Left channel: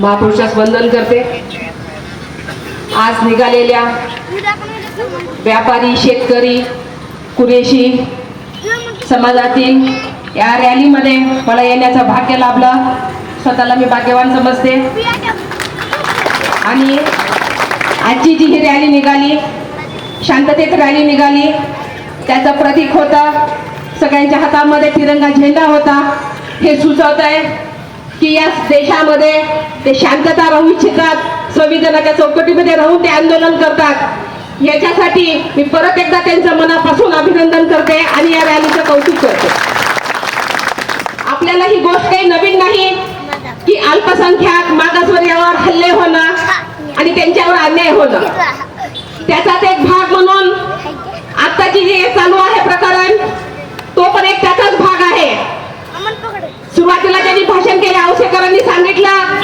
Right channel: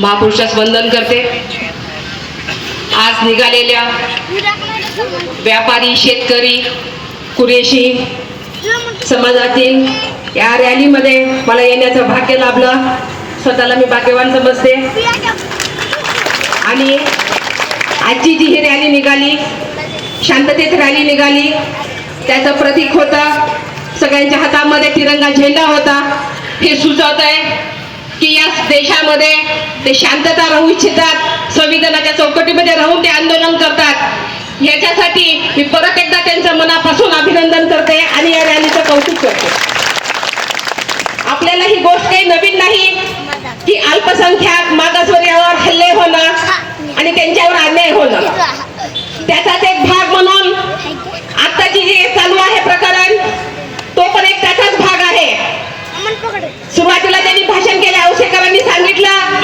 महापुरुषास वंदन करते. आज निघालेल्या व्यापारी शेतकरी कुरेशी समाजातील या रॅलीमध्ये मला येण्याचं भाग्य लाभलं. स्वतःला मी भाग्यवान समजते. आणि आजची जी ही रॅली निघाली शांततेत रॅली निघाली त्याचं प्रतीक होता. सगळ्यांच्या हातामध्ये तिरंगा झेंडा होता. हे सुचवत आहे की या देशामध्ये ते शांतता राहू इच्छितात संविधानाच्या चौकटीमध्ये राहून ते आंदोलन करतात. याच्यासाठी मी परत एकदा त्यांचं मनापासून अभिनंदन करते आणि या रॅलीचं कौतुक करते. आपल्याला ही गोष्ट काही नवीन नाही की अल्पसंख्याक मागासवर्यावर हल्ले होणं आणि त्यांच्यावर अन्याय होणं. त्याचाच एक भाग म्हणून आताची जी चालू आहे सुरुवातीला त्यांनी भाषण केले औषधकरांनी सांगितलं.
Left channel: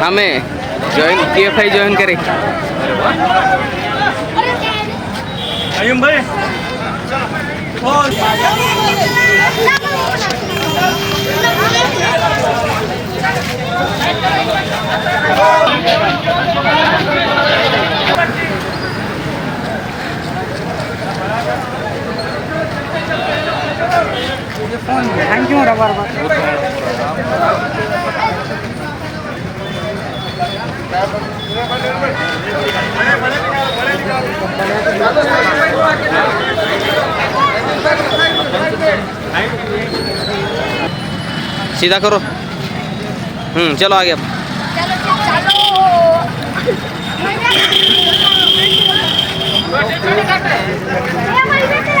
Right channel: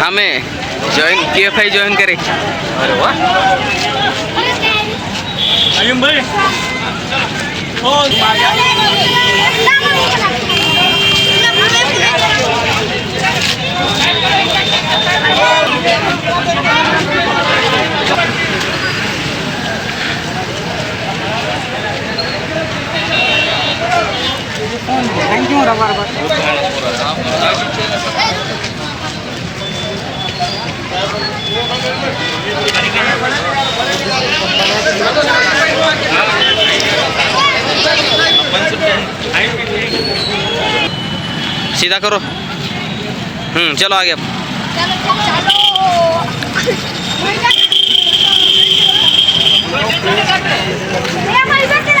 थांबे join K F I join करे. अय्यम भाई हो सीधा करो। हम्म चलो आगे अब। चलो।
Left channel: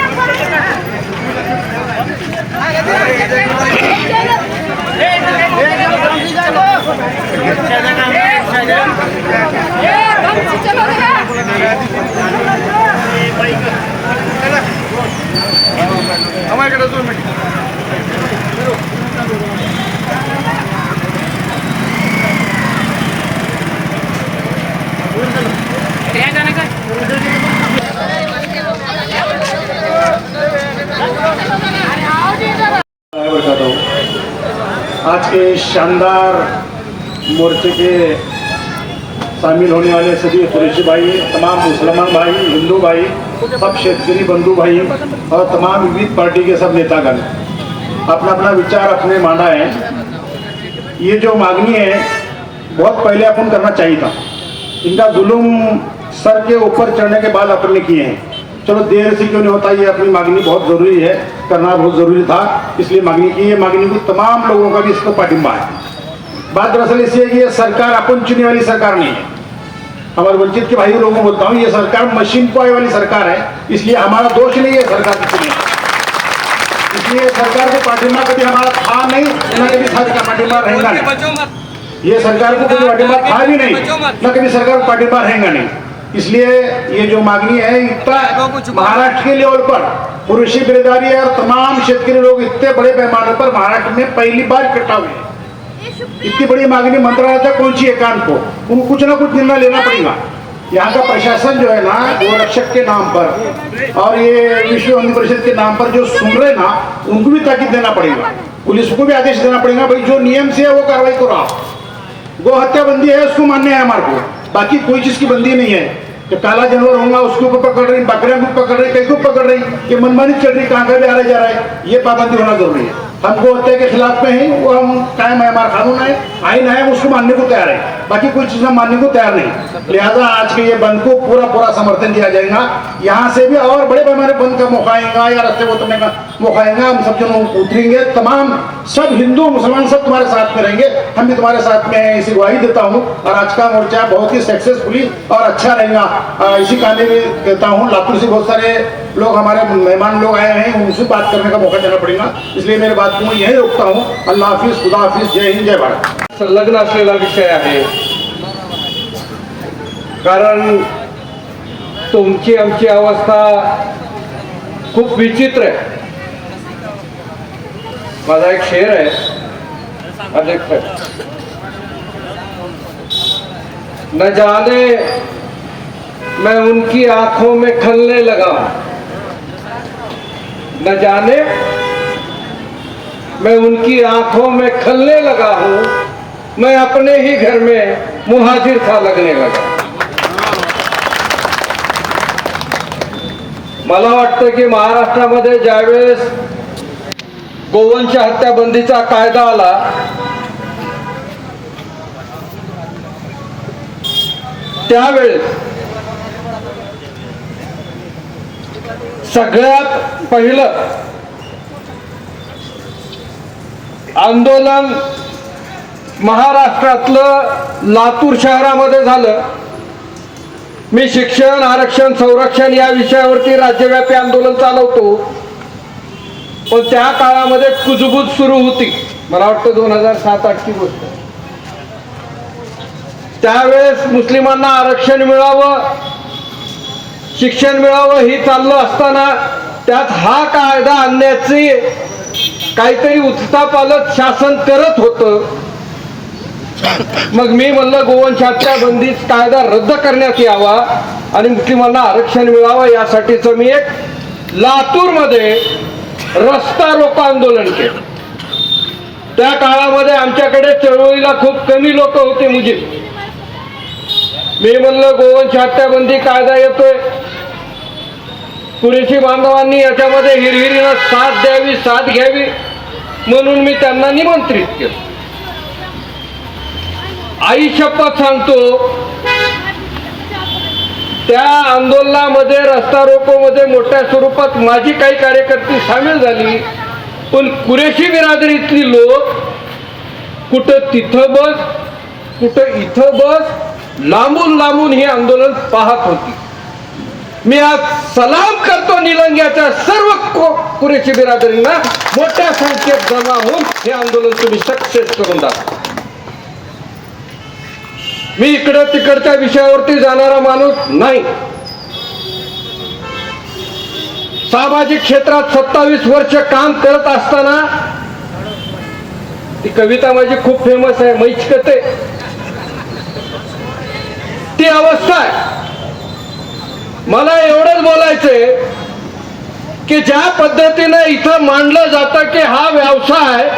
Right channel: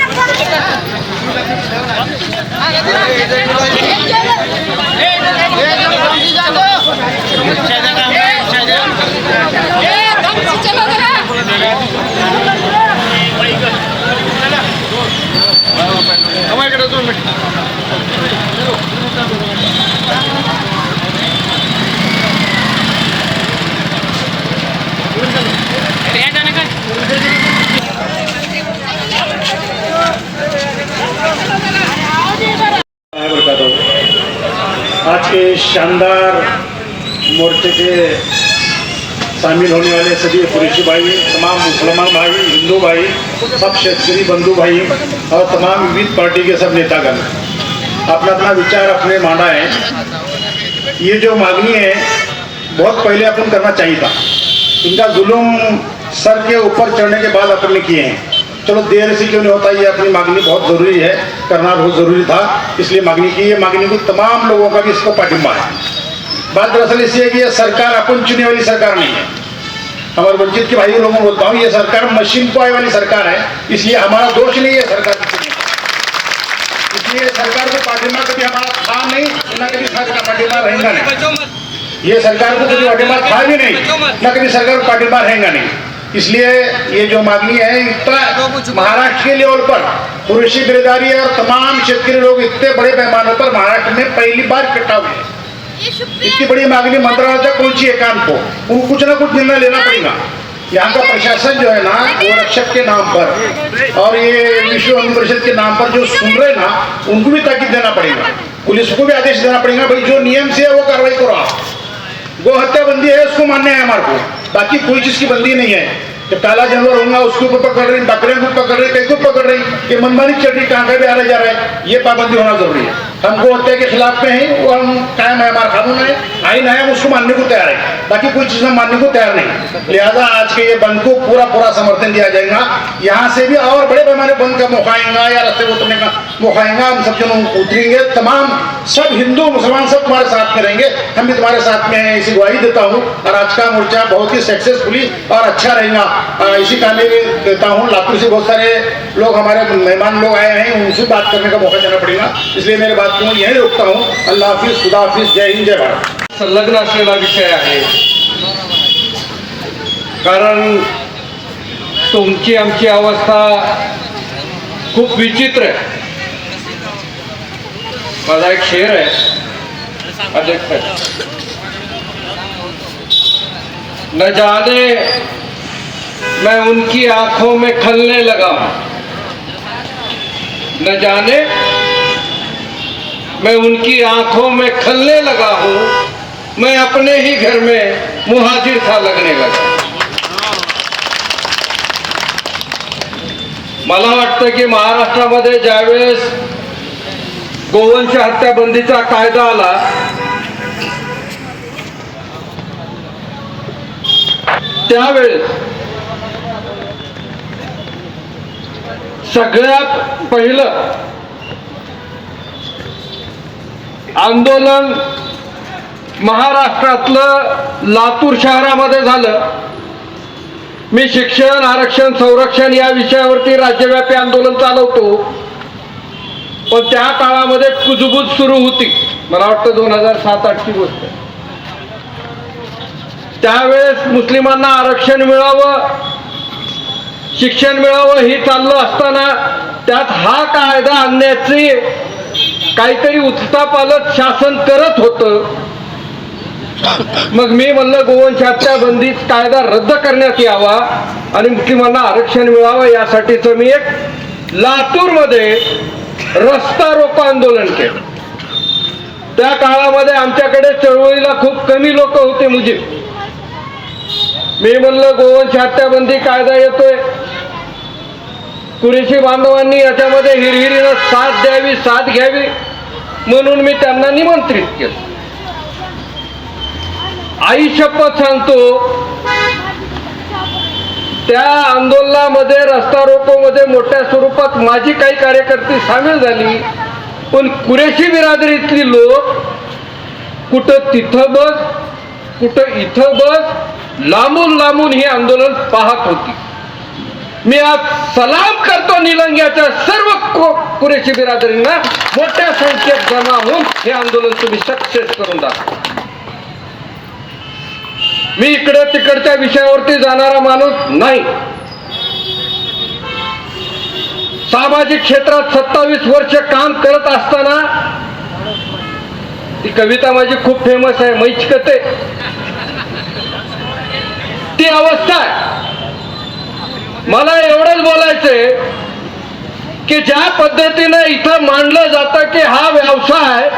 चलो के शानदार मोर्चे के शामिल होने वाले सभी पुरुष भाई, तमाम मुसलमान भाई, हिंदू भाई, सब क्षेत्रीय बंधु भाई और तमाम विविध पार्टी के सब नेतागण अपना अपना विचार, अपने मांडा है ये जो मांगनी है, बहुत पहले अपन करना चाहिए था। इनका जुलूम सर के ऊपर चढ़ने के बाद अपन ने किए हैं। चलो देर से क्यों नहीं होता? ये अपनी मांगनी बहुत ज़रूरी है। करना बहुत ज़रूरी था। इसलिए मांगनी की। ये मांगनी को तमाम लोगों का भी इसको पाठिंबा है। बात दरअसल इसलिए है कि ये सरकार अपन चुने वाली सरकार नहीं है। अगर वंचित के भाई लोगों को बोलता हूँ, ये सरकार मशीन को पाए वाली सरकार है। इसलिए हमारा दोष नहीं है सरकार की चुनी इसलिए सरकार को पाठिंबा कभी हमारा था नहीं, ना कभी था पाठिंबा रहेगा नहीं। ये सरकार को कभी पाठिंबा था भी नहीं, ना कभी सरकार को पाठिंबा रहेगा नहीं। इसलिए ये जो मांगनी है, इतना महाराष्ट्र के लेवल पर पुरुषी बिरदारी और तमाम क्षेत्रीय लोग इतने बड़े पैमाने पर महाराष्ट्र में पहली बार इकट्ठा हुए इतनी बड़ी मांगनी मंत्रालय तक पहुँची है को? उनको कुछ ना कुछ निर्णय लेना पड़ेगा। यहाँ का प्रशासन जो है ना, वो रक्षक के नाम पर और ये विश्व हिंदू परिषद के नाम पर जो सुन रहे ना, उनको भी ताकीद देना पड़ेगा। पुलिस को भी आदेश देना पड़ेगा, भाई, जो नियम से है, वो कार्रवाई करो आप। गो हत्या बंदी है, उसको मान्य है हमारे को। बाकी कोई चीज की बंदी नहीं है। तो काला जानवर होगा, उसको ऊपर पकड़ रही बकरियाँ को पकड़ रही कई को पकड़ रही ये मनमानी चल रही कहाँ का भी आ रहा जा रहा है, ये पाबंदी होना ज़रूरी है। हम गो हत्या के खिलाफ में हैं वो हम कायम है, हमारा कानून है आइन है उसको मानने को तैयार है। बाकी कोई चीज़ हम मानने को तैयार नहीं। लिहाजा आज के ये बंद को पूरा पूरा समर्थन दिया जाएगा। यहाँ से भी और बड़े पैमाने बंद का मौका आएगा, या रस्ते को उतरने का मौका आएगा। हम सब जनों उतरेंगे तमाम सब हिंदू, मुसलमान सब तुम्हारे साथ में रहेंगे। हम भी तुम्हारे साथ में हैं इसी ग्वाही देता हूँ। और आज का मोर्चा बहुत ही सक्सेसफुली और अच्छा रहेगा। इसी कामयाबी में देता हूँ, लातूर से बहुत सारे लोग, हमारे मेहमान लोग आए हैं, उनसे बात करने का मौका देना पड़ेगा। इसलिए मेरे बात को यहीं रोकता हूँ। अल्लाह हाफिज, खुदा हाफिज, जय हिंद, जय भारत। संलग्न असलेला विषय आहे कारण तुमची आमची अवस्था खूप विचित्र आहे माझा एक शेर आहे अध्यक्ष न जाने मैं उनकी आंखों में खलने लगा। न जाने मैं उनकी आंखों में खलने लगा हूं। मैं अपने ही घर में मुहाजिर था लगने लगा। मला वाटतं की महाराष्ट्रामध्ये ज्यावेळेस गोवंश हत्याबंदीचा कायदा आला त्यावेळेस सगळ्यात पहिलं आंदोलन महाराष्ट्रातलं लातूर शहरामध्ये झालं. मी शिक्षण आरक्षण संरक्षण या विषयावरती राज्यव्यापी आंदोलन चालवतो. पण त्या काळामध्ये कुजबूज सुरू होती. मला वाटतं दोन हजार सात आठची गोष्ट. त्यावेळेस मुस्लिमांना आरक्षण मिळावं शिक्षण मिळावं ही चाललं असताना त्यात हा कायदा आणण्याची काहीतरी उत्तापालक शासन करत होतं. मग मी म्हणलं गोवंशाच्या बंदी कायदा रद्द करण्यात यावा आणि मुस्लिमांना आरक्षण मिळावं यासाठीच मी एक लातूरमध्ये रस्ता रोको आंदोलन केलं. त्या काळामध्ये आमच्याकडे चळवळीला खूप कमी लोक होते मुजीब मी म्हणलं गोवंश हत्याबंदी कायदा येतोय. कुरेशी बांधवांनी याच्यामध्ये हिरहिरीनं साथ द्यावी साथ घ्यावी म्हणून मी त्यांना निमंत्रित केलं. आई शपथ सांगतो त्या आंदोलनामध्ये रस्ता रोकोमध्ये मोठ्या स्वरूपात माझी काही कार्यकर्ती सामील झाली पण कुरेशी बिरादरीतली लोक कुठं तिथं बस कुठं इथं बस लांबून लांबून हे आंदोलन पाहत होती. मी आज सलाम करतो निलंग्याच्या सर्व को- कुरेशी बिरादरींना मोठ्या संख्येत जमा होऊन हे आंदोलन तुम्ही सक्सेस करून द्या मी इकडं तिकडच्या विषयावरती जाणारा माणूस नाही. सामाजिक क्षेत्रात सत्तावीस वर्ष काम करत असताना ती कविता माझी खूप फेमस आहे मैचकते. ती अवस्था आहे. मला एवढंच बोलायचंय की ज्या पद्धतीने इथं मांडलं जातं की हा व्यवसाय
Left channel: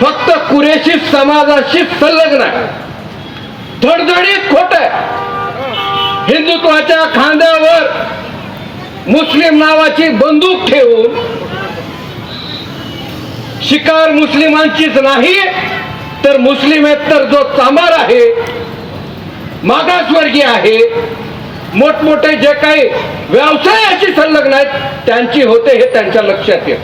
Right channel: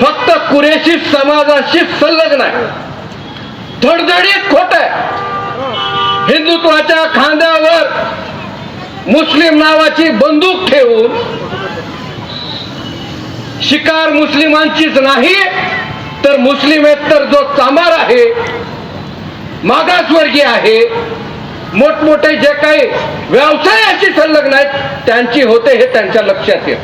फक्त कुरेशी समाजाशी संलग्न आहे. धडधडीत खोट आहे. हिंदुत्वाच्या खांद्यावर मुस्लिम नावाची बंदूक ठेवून शिकार मुस्लिमांचीच नाही तर मुस्लिमेतर जो चामार आहे मागासवर्गीय आहे मोठमोठे जे काही व्यवसायाची संलग्न आहेत त्यांची होते हे त्यांच्या लक्षात येत.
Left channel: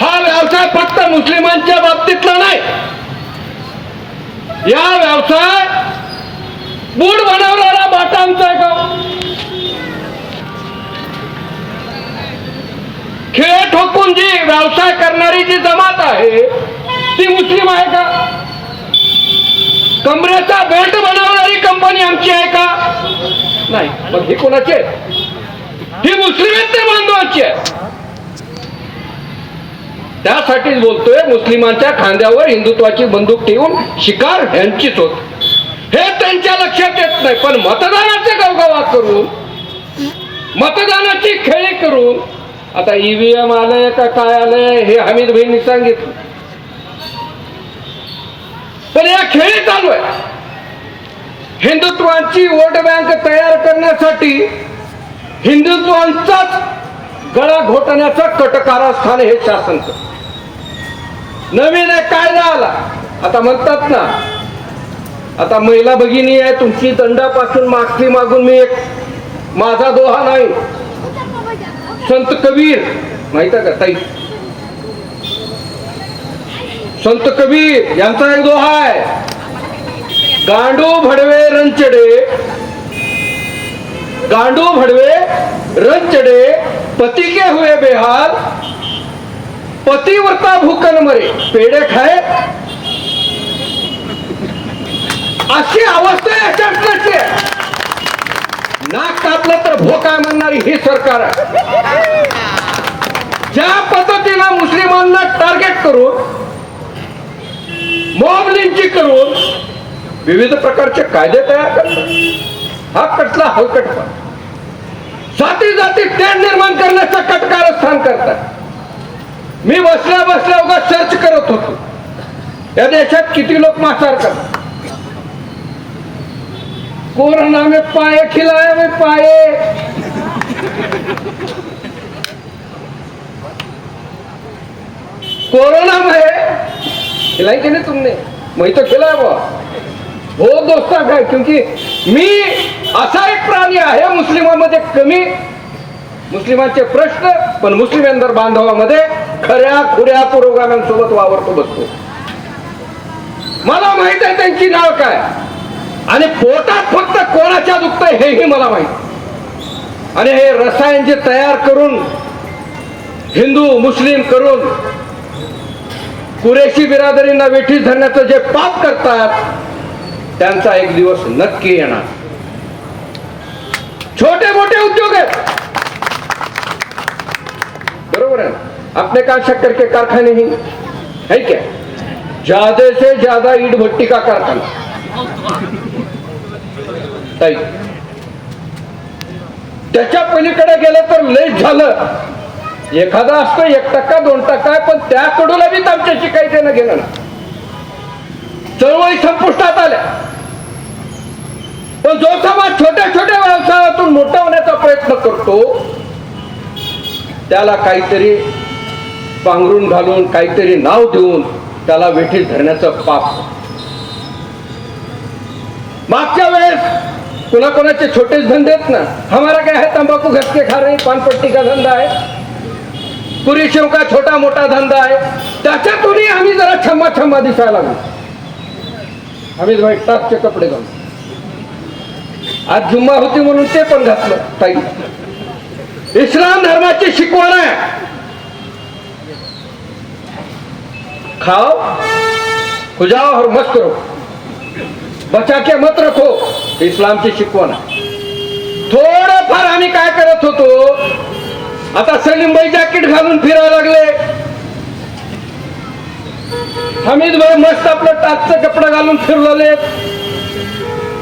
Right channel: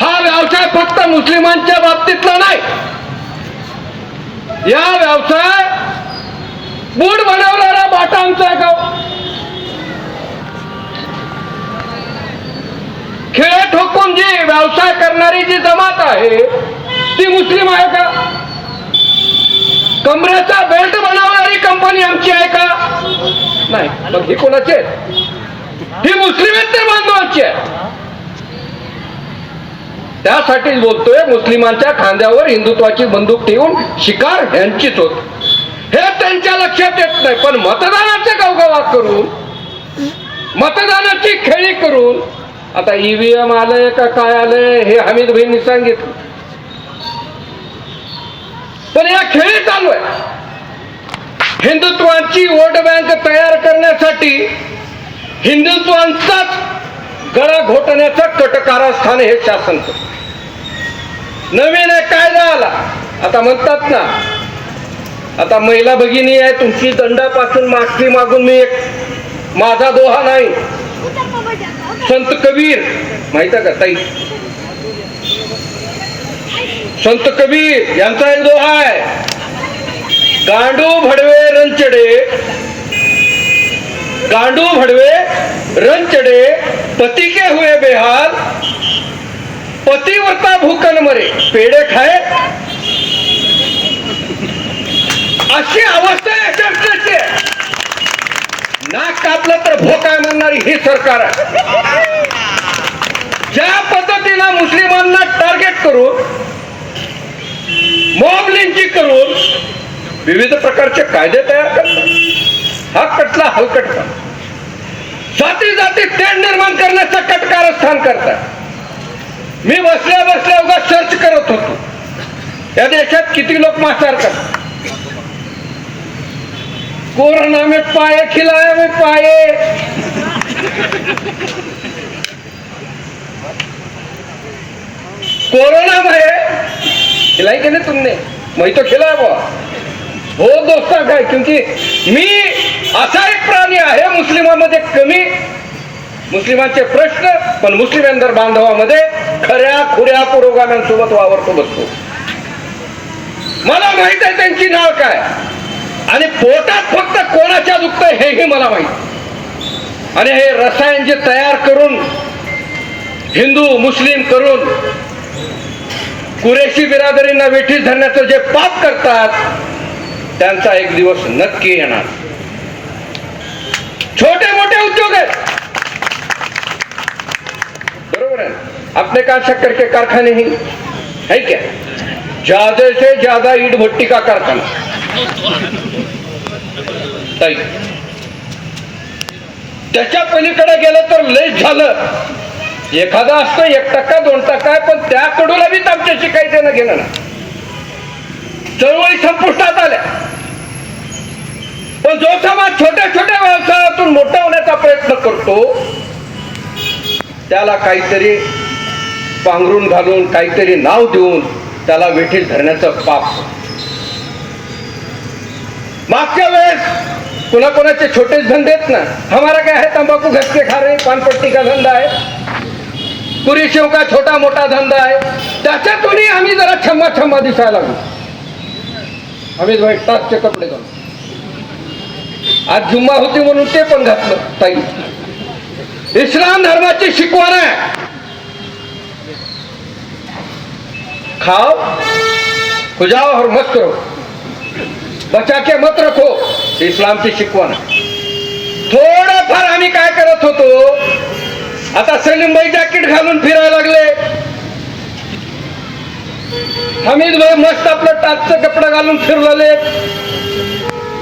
हा व्यवसाय फक्त मुस्लिमांच्या बाबतीतला नाही. या व्यवसाय बूड बनवणारा बाटा आमचा आहे गाव खेळ ठोकून जी व्यवसाय करणारी जी जमात आहे ती मुस्लिम आहे का? कमरेचा बेल्ट बनवणारी कंपनी आमची आहे का? नाही. मग ही कोणाची आहे? ही बांधवांची आहे. त्यासाठीच बोलतोय मुस्लिमांच्या खांद्यावर हिंदुत्वाची बंदूक ठेवून शिकार ह्यांचीच होत. हे त्यांच्या लक्षात येत नाही. पण मतदानाचे गवगवा करून मतदानाची खेळी करून आता ईव्हीएम आलंय का काय आलंय हे हमीद भाईंनी सांगितलं. पण या खेळी चालू आहे. हिंदुत्वाची वोट बँक तयार करण्यासाठी हिंदुत्वांचाच गळा घोटण्याचं कटकारस्थान हे शासन नवीन एक कायदा आला. आता म्हणतात ना आता महिला भगिनी आहे तुमची दंडापासून माफी मागून मी एक माझा दोहा नाही. संत कबीर माहीत आहे का ताई? संत कबीर यांचा एक दोहा आहे. गांडू भडवे रंचडे गांडू भडवे रंचडे पति के हुए बेहाल पतिव्रता भूकन मरे. पेड़े खाए अशी अवस्था आहे चर्चेची नाक कापलं तर भोका म्हणणारी ही सरकार आहे. ज्या पद्धतीला मुस्लिमांना टार्गेट करून मॉब लिंचिंग करून विविध प्रकारचे कायदे तयार करतात. हा कटला हलकटला जाती जाती तेढ निर्माण करण्याचं कटकारस्थान करतात. मी बसल्या बसल्या उगा सर्च करत होतो. या देशात किती लोक मासार करतात? कोरोना में पाए खिलाया में पाए. कोरोना में खिलाई कि नहीं तुमने? मैं तो खिलाया वो हो दोस्ता काय क्योंकि मी असा एक प्राणी आहे मुस्लिमांमध्ये कमी मुस्लिमांचे प्रश्न पण मुस्लिमेंदर बांधवामध्ये खऱ्या खुऱ्या पुरोगाम्यांसोबत वावरतो बसतो. मला माहीत आहे त्यांची नाव काय. आणि पोटात फक्त कोणाच्या दुखतंय हेही मला माहीत. आणि हे रसायन जे तयार करून हिंदू मुस्लिम करून कुरेशी बिरादरींना वेठी धरण्याचं जे पाप करतात त्यांचा एक दिवस नक्की येणार. छोटे मोठे उद्योग आहेत. बरोबर है अपने काय शक्कर के कारखाने ही? है क्या? ज्यादा से ज्यादा ईट भट्टी का कारखाना। ताई त्याच्या पलीकडे गेलं तर लेट झालं. एखादा असतं एक टक्का दोन टक्का पण त्याकडून बी आमच्याशी काही देणं घेणं नाही चळवळी संपुष्टात आल्या. पण जो समाज छोट्या छोट्या व्यवसायातून मोठा होण्याचा प्रयत्न करतो त्याला काहीतरी पांघरून घालून काहीतरी नाव देऊन त्याला वेठीत धरण्याचं पाप. मागच्या वेळेस कोणाकोणाचे छोटेच धंदे आहेत ना? हमारा काय आहे तंबाखू घसते खा रे पानपट्टी का धंदा आहे? पुरी शिव का छोटा मोठा धंदा आहे? त्याच्यातूनही आम्ही जरा छम्मा छम्मा दिसायला लागलो. आम्ही भाई टापचे कपडे घालू आज जुम्मा होती म्हणून ते पण घातलं ताई. इस्लाम धर्माची शिकवण आहे. खाओ खुजाओ और मत करो बचा के मत रखो इस्लामची शिकवण थोडंफार आम्ही काय करत होतो आता सलीमबाई जॅकेट घालून फिरायला लागले. हमीद भाई मस्त आपलं टाचचं कपडा घालून फिरलेले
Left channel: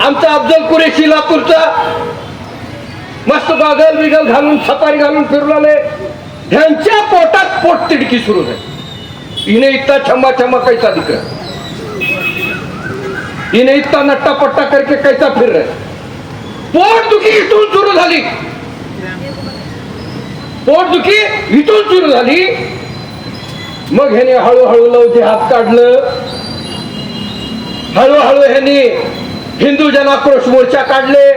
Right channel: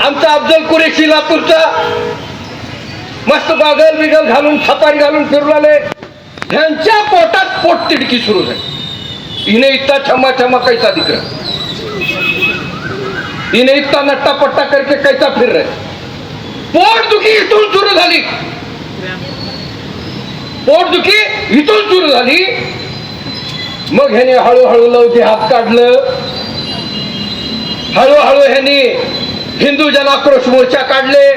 आमचा अफजल कुरेशी लातूरचा मस्त बागल बिगल घालून छपारी घालून फिरलेले ह्यांच्या पोटात पोट तिडकी सुरू झाली. हिने इतका छमा छमा कैसा दिख रहा? इतका इने नट्टा पट्टा करके कैसा फिर रहे पोट दुखी इथून सुरू झाली. पोटदुखी इथून सुरू झाली. मग ह्याने हळूहळू लवते हात काढलं. हळूहळू ह्याने हिंदू जनाक्रोश मोर्चा काढले.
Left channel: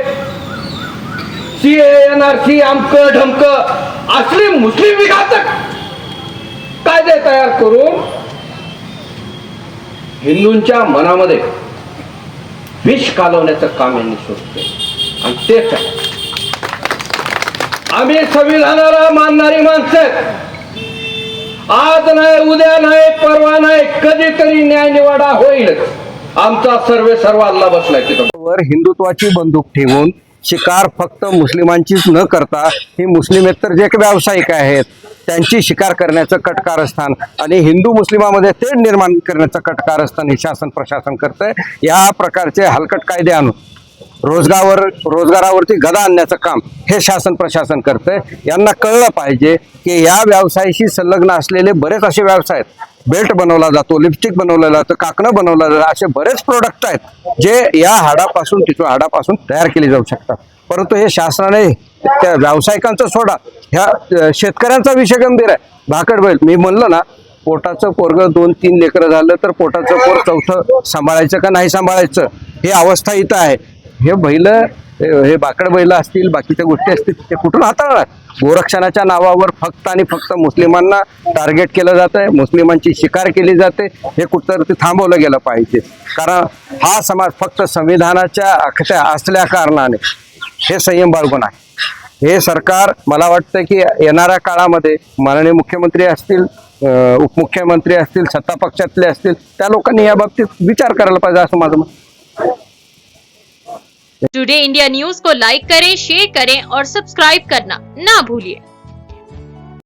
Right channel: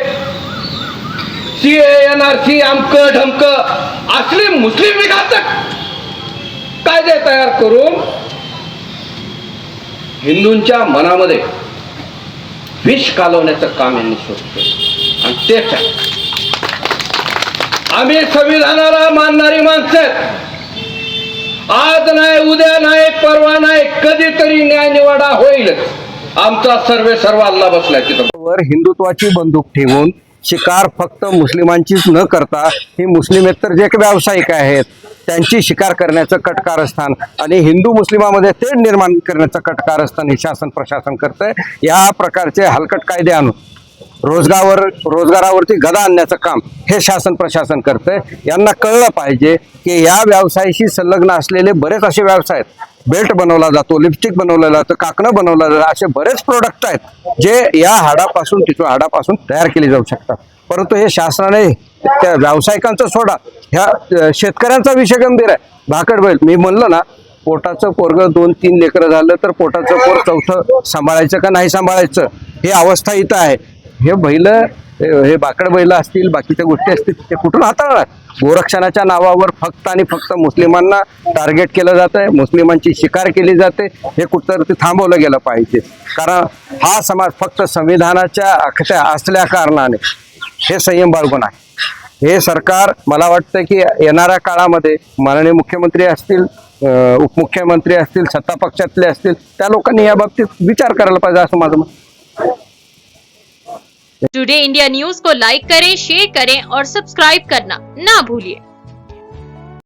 सी एन आर सी आमक ढमक असली मुस्लिम विघातक कायदे तयार करून हिंदूंच्या मनामध्ये विष कालवण्याचं काम यांनी सुरू केलं. आणि तेच आम्ही संविधानाला मानणारी माणसं. आज नाही उद्या नाही परवा नाही कधीतरी न्याय निवाडा होईल. आमचा सर्वे सर्व अल्ला बसलाय तिथं वर हिंदुत्वाची बंदूक ठेवून शिकार फक्त मुस्लिमांचीच न करता हे मुस्लिमेतर जे काही व्यावसायिक आहेत त्यांची शिकार करण्याचं कटकारस्थान आणि हिंदू मुस्लिमामध्ये तेढ निर्माण करण्याचं कटकारस्थान हे शासन प्रशासन करतंय. या प्रकारचे हलकट कायदे आणून रोजगारावर रोजगारावरती गदा आणण्याचं काम हे शासन प्रशासन करतं यांना कळलं पाहिजे की या व्यवसायाशी संलग्न असलेले बरेच असे व्यवसाय आहेत. बेल्ट बनवला जातो लिपस्टिक बनवलं जातं काकणं बनवलं जातं असे बरेच प्रोडक्ट आहेत जे या हाडापासून तिथून हाडापासून तयार केले जाऊ शकतात. परंतु हे शासनाने त्या व्यावसायिकांचं सोडा. ह्या शेतकऱ्यांचा विषय गंभीर आहे. भाकड बैल मी म्हणलं ना पोटाचं पोरग दोन तीन लेकरं झालं तर पोटाचं पोर चौथं सांभाळायचं का नाही सांभाळायचं? ही अवस्था इथं आहे. हे बैल हे बाकड बैल असतील बाकीच्या गोष्टी असतील ते कुठून हाताळणार? गोरक्षणाच्या नावावर फक्त आणि फक्त मुस्लिमांना टार्गेट केलं जात आहे मुस्लिमांची शिकार केली जाते हे कुठं ते थांबवलं गेलं पाहिजे. कारण हा समाज फक्त संविधानाच्या अक्षय असल्या कारणाने हे संयम बाळगून आहे. हे सरकार मला वाटतं की येणाऱ्या काळामध्ये माननीय मुख्यमंत्री असतील उपमुख्यमंत्री असतील सत्ता पक्षातले असतील त्या लोकांनी या बाबतीत विचार करायला पाहिजे असं माझं मत. टुडे इंडिया न्यूज को लाइक करें शेयर करें और सब्सक्राइब करना ना भूलिए।